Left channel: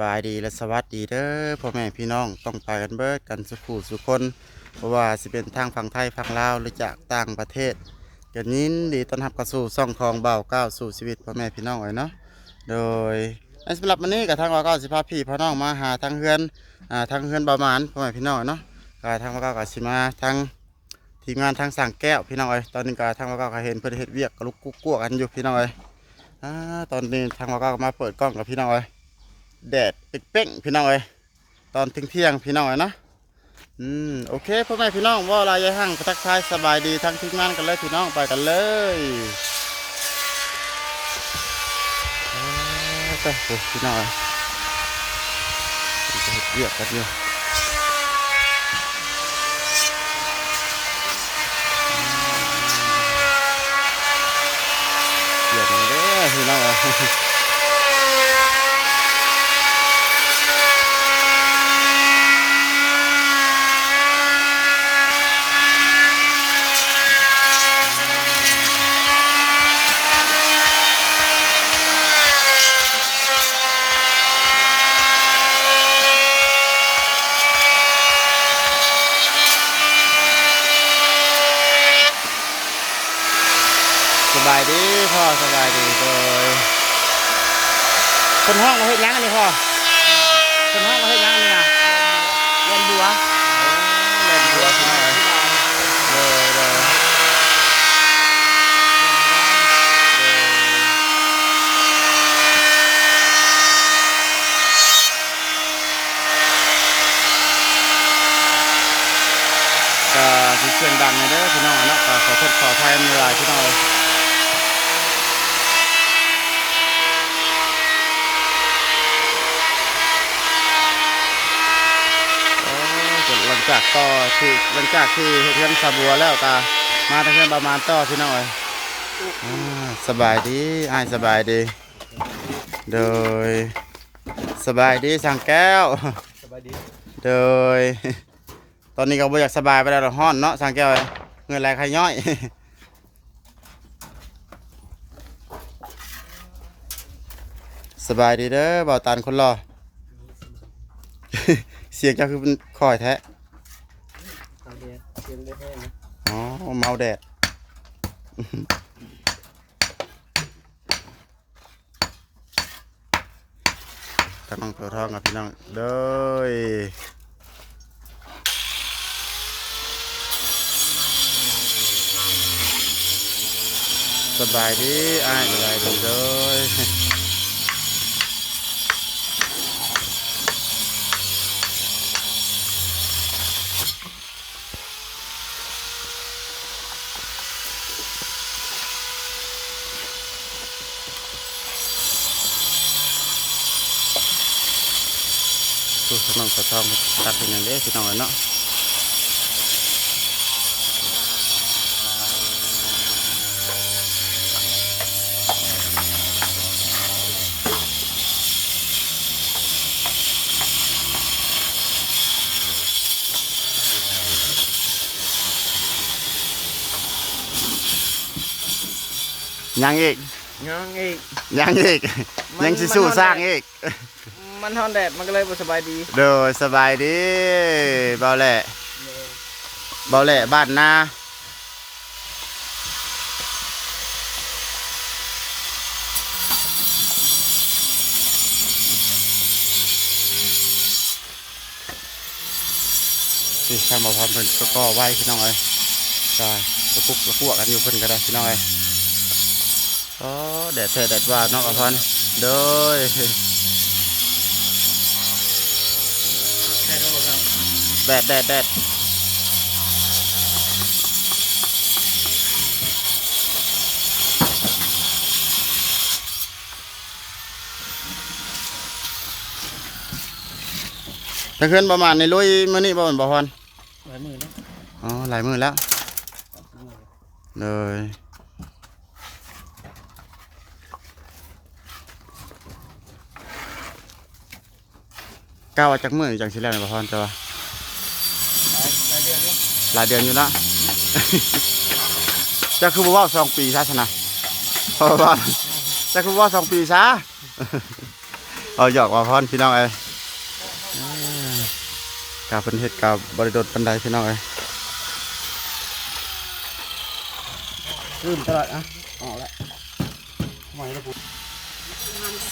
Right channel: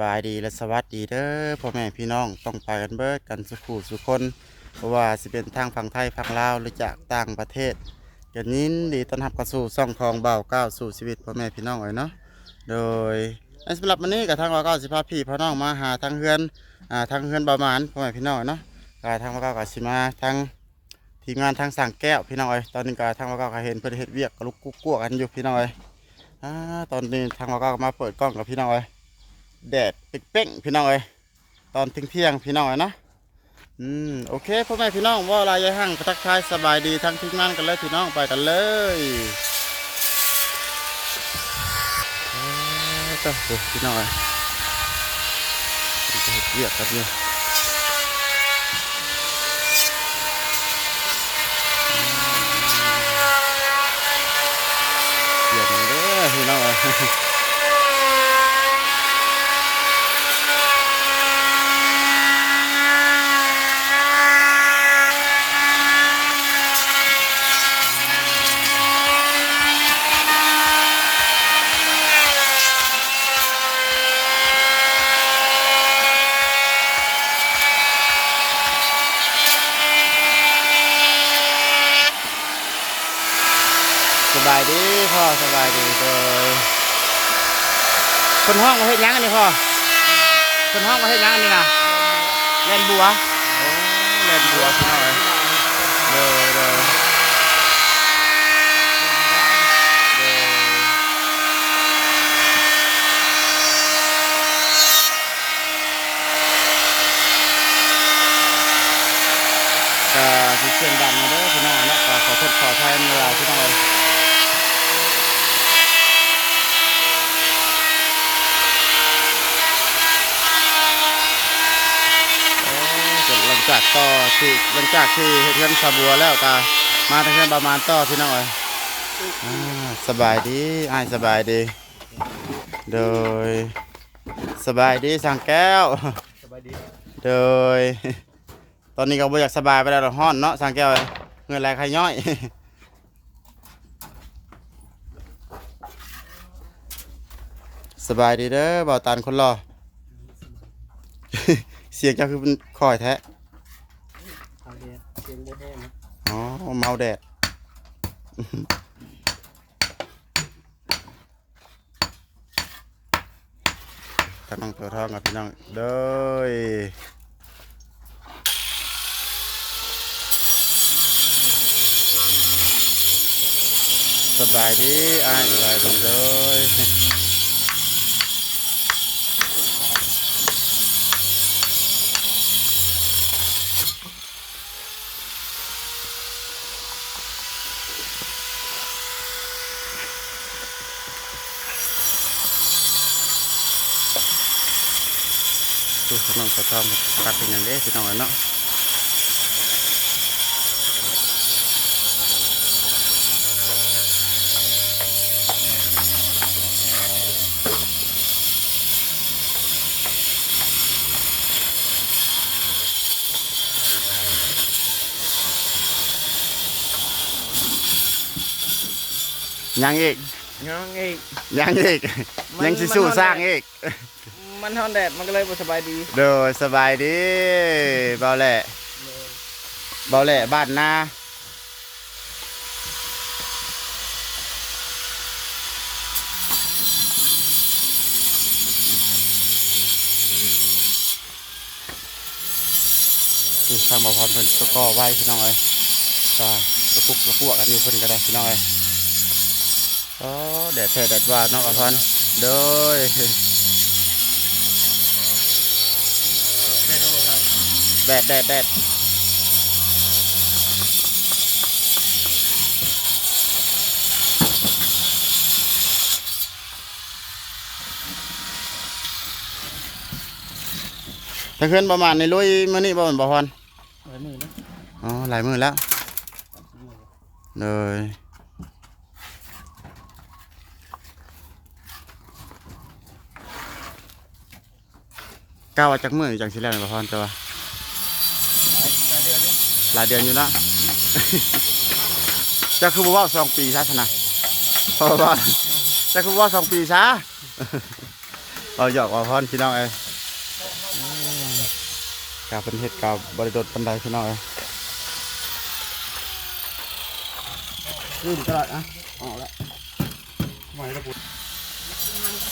บายดีและสวัสดีเด้อพ่อแม่พี่น้องต้องไปกันเบิดกันสุขูสุคนเพราะว่าสิเป็นทางฝั่งไทยฝั่งลาวหรือจากต่างประเทศกันยินดีต้อนรับเข้าสู่ซ่องทองเบาก้าวสู่ชีวิตพ่อแม่พี่น้องไว้เนาะโดยในสำหรับวันนี้กับทางว่าก้าวสิพาพี่พ่อน้องมาหาทางเฮือนอ่าทางเฮือนเบามานพ่อแม่พี่น้องเนาะก็ทางว่าก้าวกับสิมาทางทีมงานทางสั่งแก้วพี่น้องเอ้ยตอนนี้ก็ทางว่าก้าวก็เห็นเพิ่อนเฮ็ดเวียกกระลุกกุ๊กกัวกันอยู่พี่น้องเอ้ยอ่าตอนนี้ทางเราก็มาเปิดกล้องกับพี่น้องเอ้ย แดดเป๊กๆพี่น้องเอ้ยตอนเที่ยงๆพี่น้องเอ้ยเนาะอืมโอเคพ่อแม่พี่น้องว่าลายยายหั่งทักทายสบายดีทั้งทีมงานกันเลยพี่น้องไปกันเลยจ้าโอ้พี่น้องเอ้ยจะเห็ดเวียกกันอยู่เวียกเด้อพี่น้องเอ้ย บายดีพ่อสบายดีเลยคนห้องมาเฮ็ดหยังอันนี้พ่อคนห้องมาเฮ็ดหยังอันนี้นะเล่นบัวโอ้เล่นบัวพี่น้อยเลยเลยก็สิเสียงดังนะเด้อพี่น้องเนาะก็ขอโทษขออภัยในเวลาพี่น้อง โอ้ จะหลังจากต่อที่หลังจากที่เฮ็ดเพื่อนสาบัวแล้วก็มาทางเพื่อนประมาณต่อพี่น้องเอ้ยอ่าสบายดีอ้ายสบายดี โดย สบายดีสั่งแก้วสบายดีโดย ตอนนี้ก็บ่อยากสบายไปแล้วหรอกฮ้อนเนาะสั่งแก้วเอ้ยเงินไหลใครย่อยสบายดีเด้อบ่าวตานคนรอ เสียงเจ้าคือเป็นคอยแท้เอา เดียวเสียงบ่แห้งนะอ๋อเมาแดด ทางน้องตัวทองกับพี่น้องเด้ยสบายดีอ้ายสบายดีเด้ย ทางน้องตัวทองตัดเป็นอย่างเด้พี่น้องเอ้ยเนาะยังอีกยังอีกยังอีกมันยังสิสู้มันสร้างอีก มันฮอนแดดมันก็เลยบ่สบายดีโดยสบายดีเบาแหละเบาแหละบ้านนาที่ทางบ่อพรเพิ่นก็ก่อไว้พี่น้องเอ้ยก็ตะกุกตะกั่วกันอยู่เพิ่นก็ได้พี่น้องเอ้ยอ๋อแดดแท้แดดว่าเน้องอภรโดย แค่โทษครับ แดดแดดแดดถ้าขึ้นประมาณในลุยมื้อนี้บ่แม่นบ่พรหลายมือนะอ๋อหลายมื้อแล้วเลยก้าวว่าจักมื้อจังสิแล้วนี่บ่พรจ้ะว่า หลายหลายเดือนนี่ หลายเดือนอยู่แล้วจะคือบอกว่าสองปีซะชนะเพราะว่าจะคือว่าสองปีซะเอาหยอกว่าพรพี่น้องเอ้ยอืมกาเป็นเฮ็ดกับบริโดดปันไดพี่น้องเอ้ยลืมตลอดอะออกแล้วไม่ได้พูด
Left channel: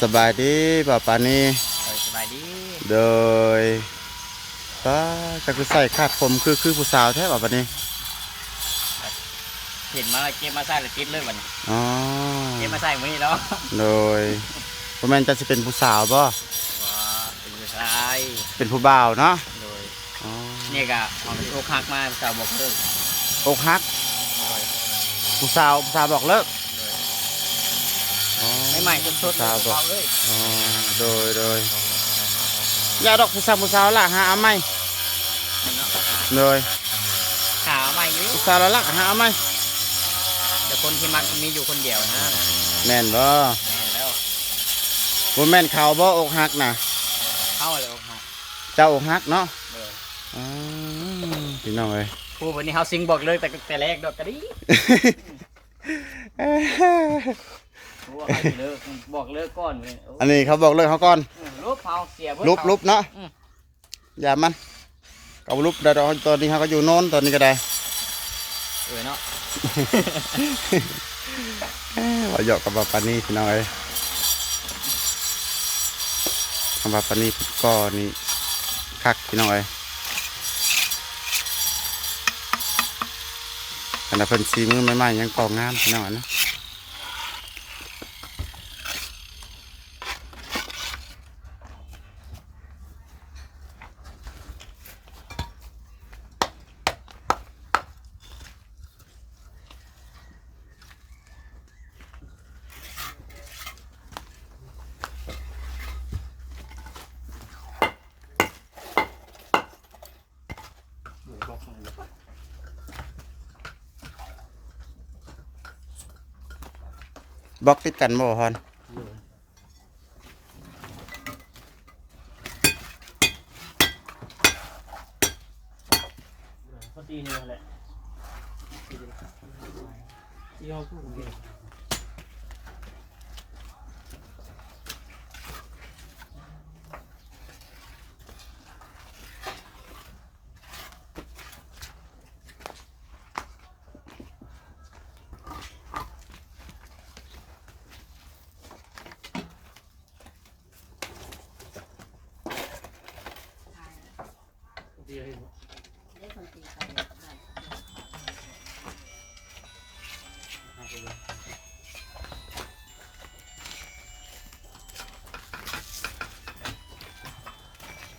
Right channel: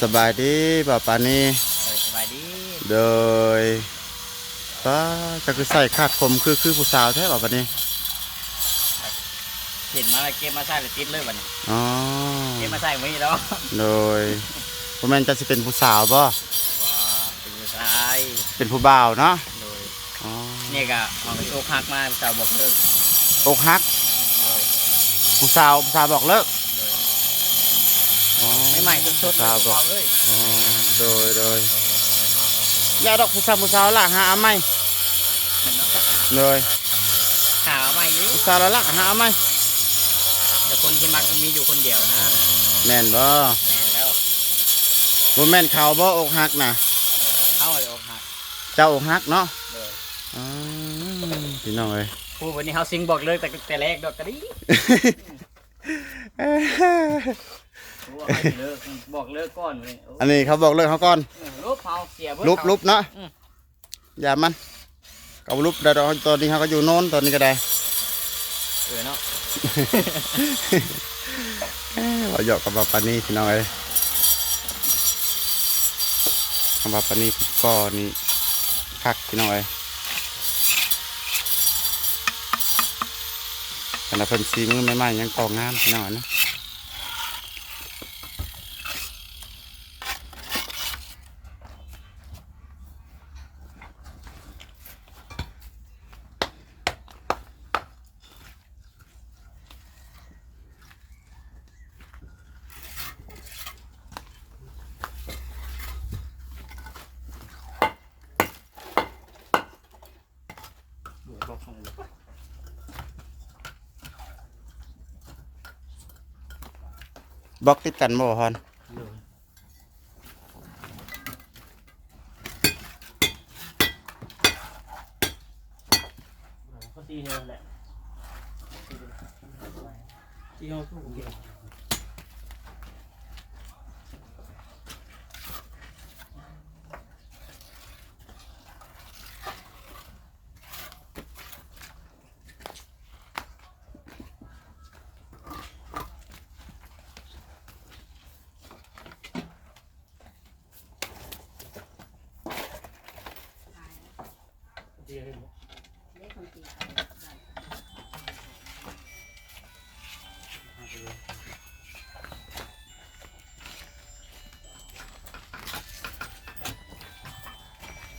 สบายดีป่าปานี่สบายดี โดย ป้าจะคือใส่คาดผมคือคือผู้สาวแท้ป่าปานี่เห็นมาเก็บมาใส่เลยติดเลยวันนี้อ๋อเก็บมาใส่มื้อนี้แล้วโดยพ่แม่นจะสิเป็นผู้สาวบ่ว้าเป็นผู้ชายเป็นผู้บ่าวเนาะโดยอ๋อเนี่ยก็ออกอกหักมาสาวบอกเลิกอกหักโดยผู้สาวผู้สาวบอกเลิกโดยอ๋อไม่ใหม่สดๆผู้สาวบอกเอาเลยอ๋อโดยโดย อย่าดอกผู้สาวผู้สาวละหาเอาไหมเนาะโดยข่าวใหม่อยู่ผู้สาวละละหาเอาไหมแต่คนที่มักมีอยู่คนเดียวนะแม่นบ่แน่แล้วบ่แม่นเขาบ่อกหักน่ะเข้าเลยอกหักเจ้าอกหักเนาะโดยอ๋อพี่น้องเอ้ยผู้วันนี้เขาซิงบอกเลยแต่แต่แรกดอกกระดิ ผู้ว่าให้เลิกบอกเลิกก่อนเลยโอ้อันนี้เขาบอกเลิกเขาก่อนเออลบเผาเสียเบิดลุบเผาลุบเนาะอืมอย่ามันเอาลุบได้ดอกตอนนี้เขาก็อยู่โน่นตอนนี้ก็ได้เออเนาะเอ้ยว่าหยอกกับปานี่พี่น้องเอ้ยคำว่าปานี่พุดก้อนี่คักพี่น้องเอ้ยขณะเพิ่นซีมือใหม่ๆยังกองงามพี่น้องอะนะ บล็อกติดกันบ่ฮอนตีเนี่ยแหละตีเขาคู่เก่ง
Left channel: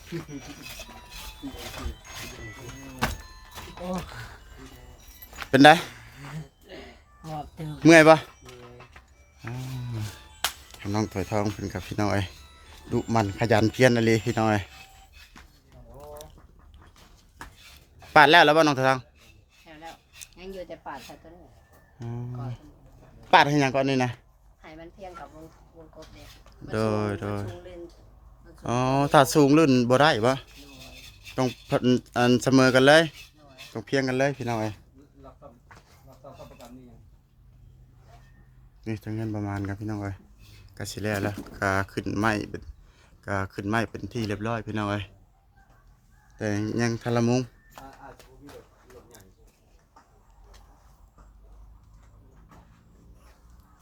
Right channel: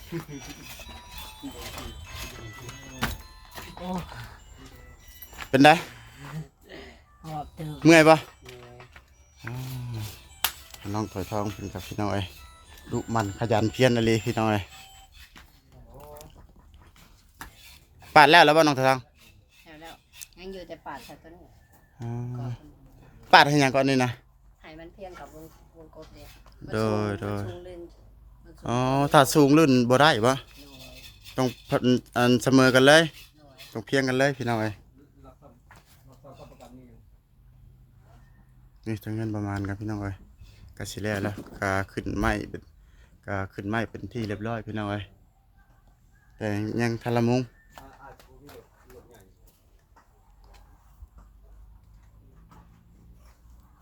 เป็นได้หอบตึงเมื่อยปะอ้าวน้องถอยทองเป็นกับพี่น้องเอ้ยดุมันขยันเพียรอะไรพี่น้องเอ้ยปาดแล้วแล้วบ่น้องถอยทองแล้วยังอยู่แต่ปาดใส่ตัวนี้อ๋อก่อนปาดให้หยังก่อนนี่นะให้มันเพียงกับวงวงกบเนี่ยโดยโดย มันสูงลื่นมันสูง อ๋อถ้าสูงลื่นบ่ได้ปะโดยต้องพันอันเสมอกันเลย โดยต้องเพียงกันเลยพี่น้องเอ้ยนี่ทั้งเงินประมาณครับพี่น้องเอ้ยก็สิแล้วแล้วก็ขึ้นไม้เป็นก็ขึ้นไม้เป็นที่เรียบร้อยพี่น้องเอ้ยแต่ยังทะละมุง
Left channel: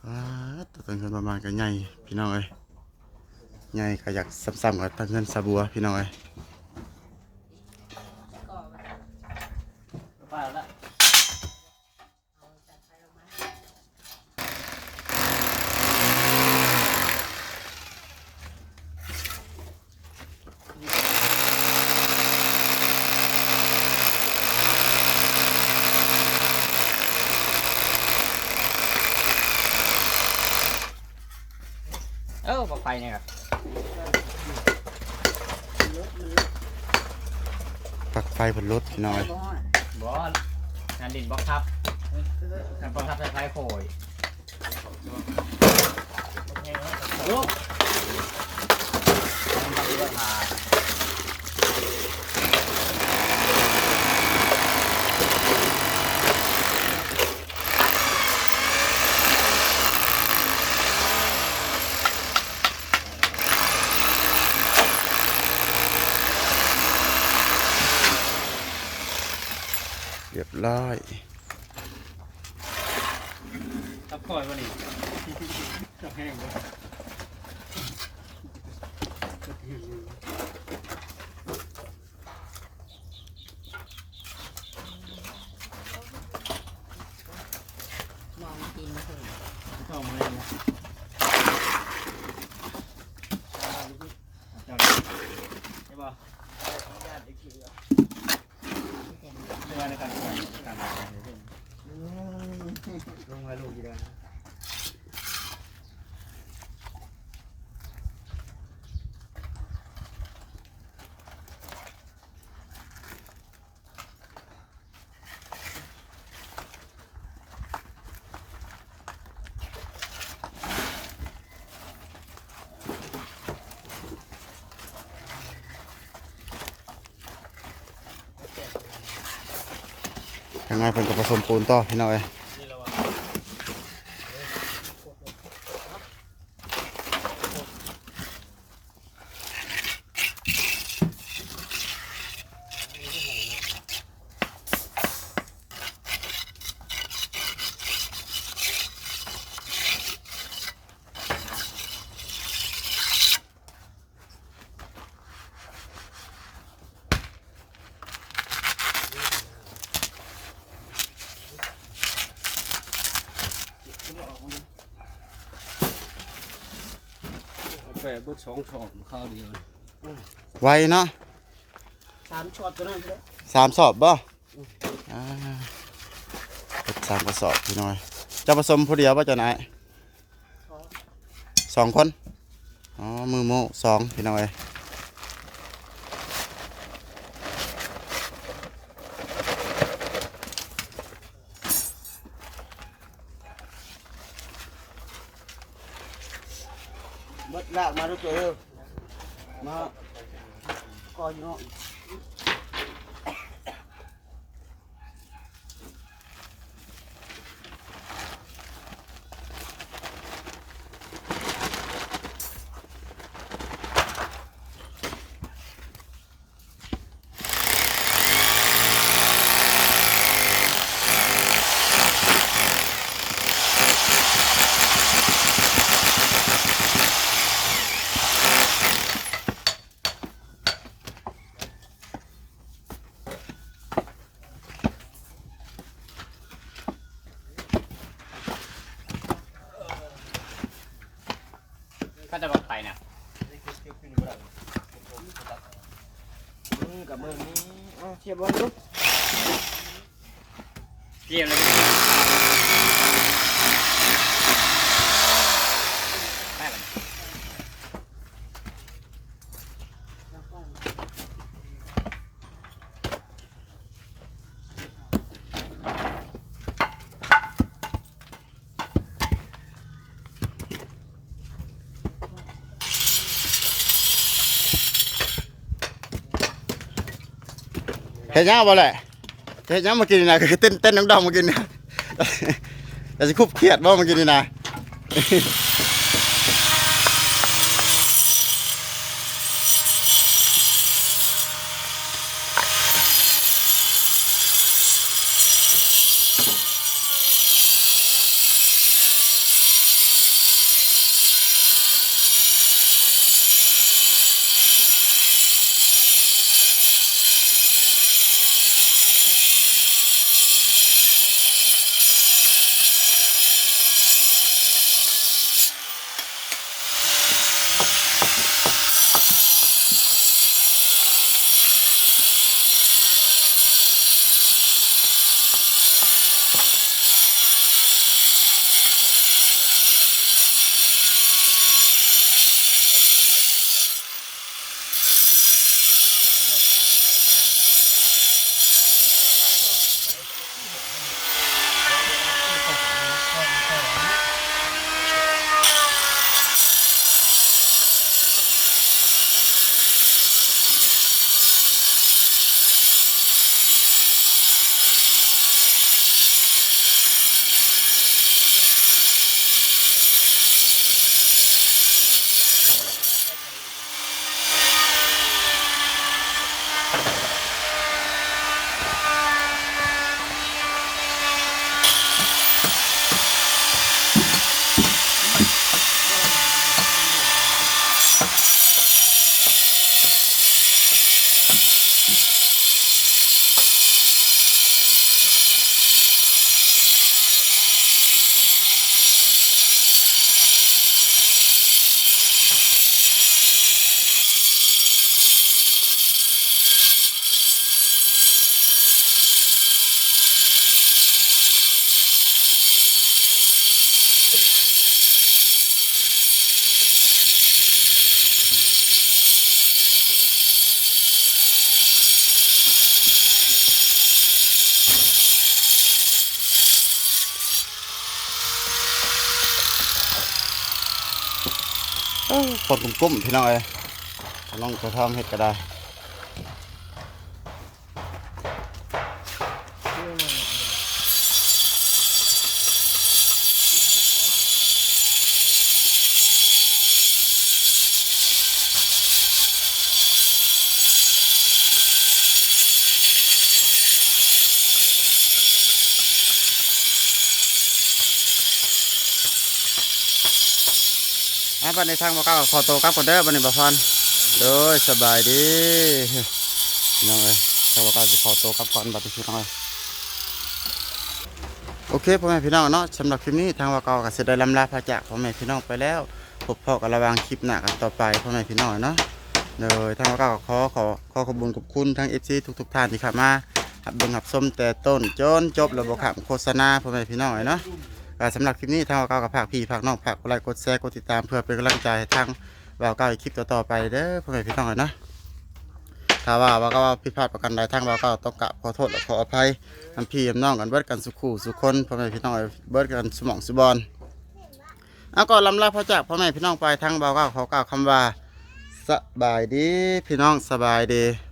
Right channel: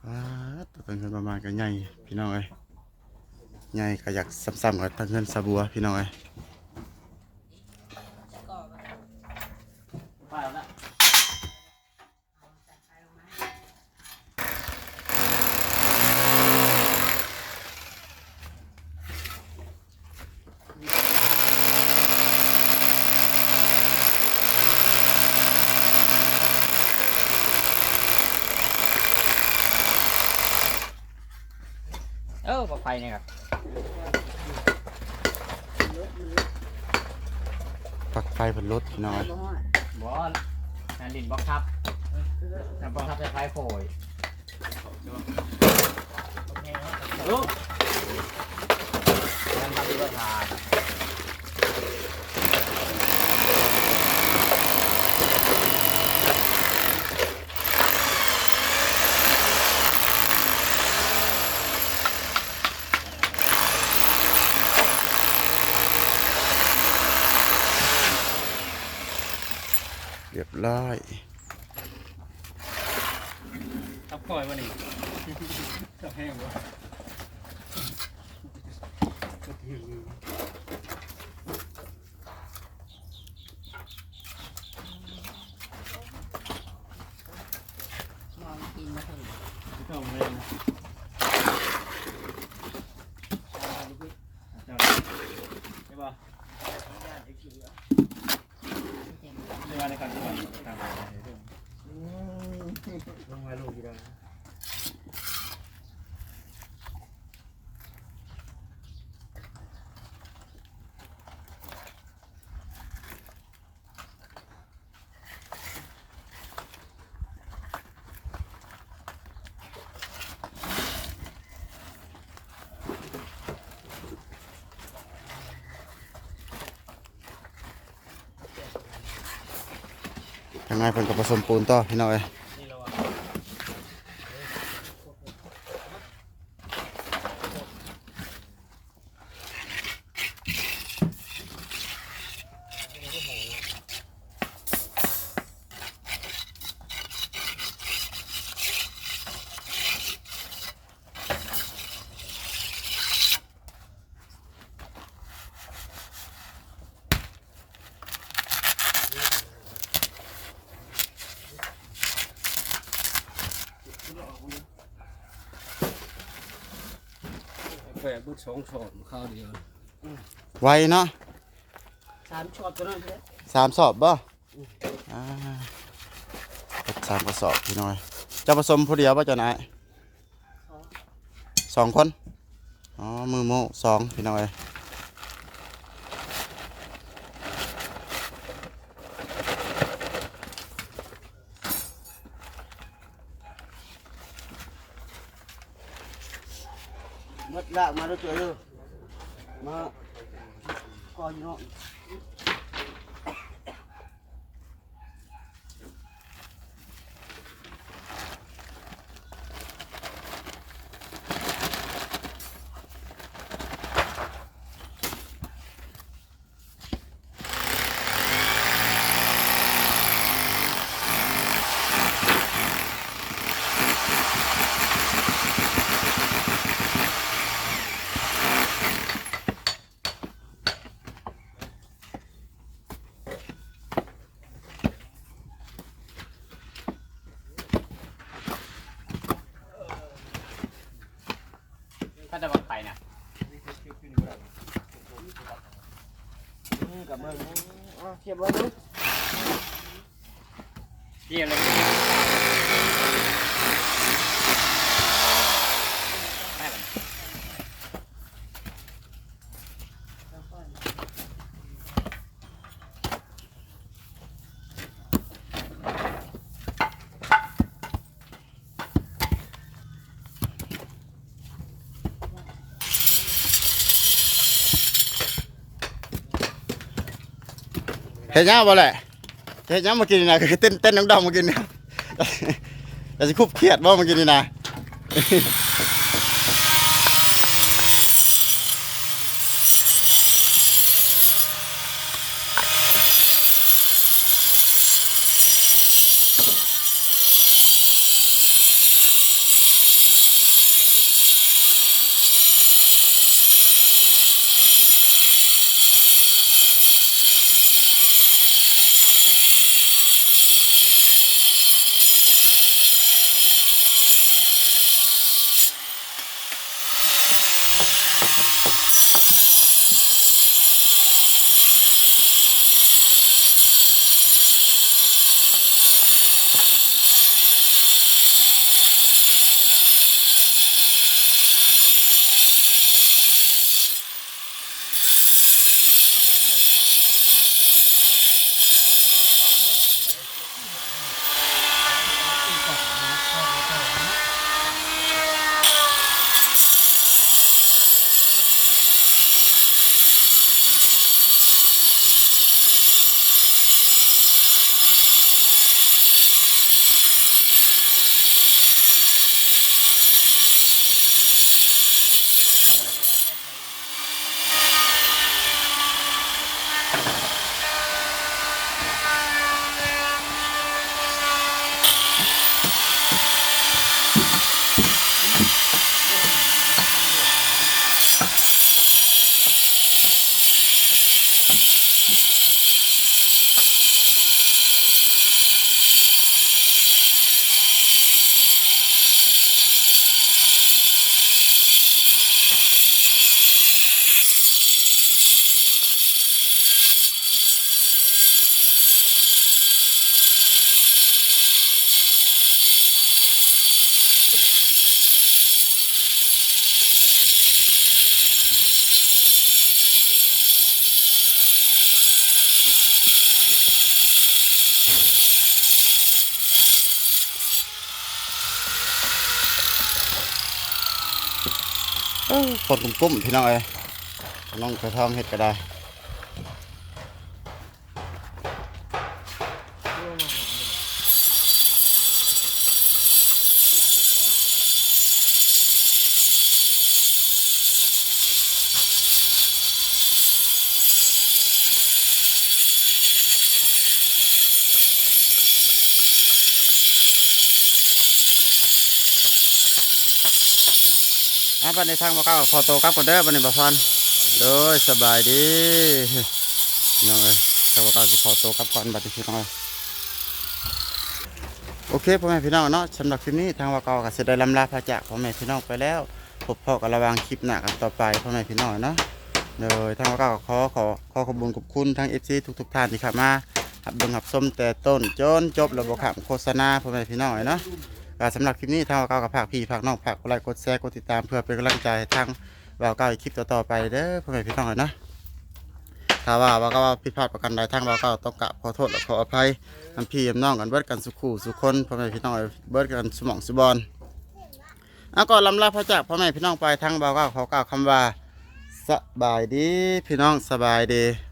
อ่าแต่ทั้งเงินประมาณก็ใหญ่พี่น้องเอ้ย ใหญ่ก็อยากซ้ำๆกับทั้งเงินสะบัวพี่น้องเอ้ยป้าแล้วเออปลอดภัยเนี่ยครับ ไฟบนรถพี่น้อยบอสงานดินบล็อกทับงานบล็อกทับคล้ายๆโขยลูกทำเรืองมา ร้อยทับคอยวันนี้จับแห้งวะ มองกินมาถึง เข้ามาเลยนะเจ้าใช่ป่ะ เต็ม ไม่ว่าในการปล่อยต่างๆเลย ลงมาลูกกี่ได้ ยังไงเพิ่นก็ผสมปูนต่อพี่น้องเอ้ย แปดบุสองสองข้าวเดียวไวเนาะสามช็อตตัวนั้นเลยสามสอบบ่อ่าเฮ็ดสามกระสอบพี่น้อยเจะผสมผู้เดียวบ่เจ้านายสองคน อ๋อ มือโมสองพี่น้อย มดลากมาด้วยตัว เดียวมาก่อนเนาะ ก็จะบอกไปนะอืมกับเบิ้งนี่เอาเทียบเบิ้งดูเกี่ยวเลย เห็นยังบ่แหละเห็นยังมากินนี่นะคือเต้นเต้นน้องดำมากินนี่แต่จะคุบเครียดบ่มากินนี่นะ เอ้อปนกุ้มๆพี่น้องเอ้ยน้องกระทำเห็ดก็ได้ อะบัดในทางบ่เก้าขอโตวกับก่อนเด้อบัดนี้บ่พรโดยสบายดีน้องเอ้ยทางบ่เก้าสิขอโตวกับก่อนบัดนี้พี่น้องเอ้ยโอเคพ่อแม่พี่น้องเนาะสำหรับคลิปนี้ทางบ่เก้าก็สิได้ลำลาพระจากพ่อแม่พี่น้องไปแล้วพบพอกันระว่างคลิปหน้ากันต่อไปพ่อแม่พี่น้องเนาะโดยทางบ่เก้าก็ขอขอขอขอบคุณขอบคุณทั้ง FC ทุกๆท่านที่เข้ามาหับเบิ่งหับส้มแต่ต้นจนจบระบบขับโฆษณาพ่อแม่พี่น้องเนาะ สำหรับคลิปนี้ทางบ่าวเก้ากับภาคพี่ภาคน้องภาคกดไลค์กดแชร์กดติดตามเพื่อเป็นกำลังใจให้ทางบ่าวเก้าอีกคลิปต่อๆไปเด้อพ่อแม่พี่น้องเอ้ยนะถ้าว่าบ่าวเก้าผิดพลาดประกันใดทางบ่าวเก้าต้องกราบขอโทษและขออภัยน้ำพี่น้องกันเบิดกันสุขูสุคนพ่อแม่พี่น้องเอ้ยเบิดกันสมองสุบอลเอาก่อนลำลาพระจากพ่อแม่พี่น้องไปทางบ่าวเก้าขอกล่าวคำว่าสบายดีพี่น้องสบายดี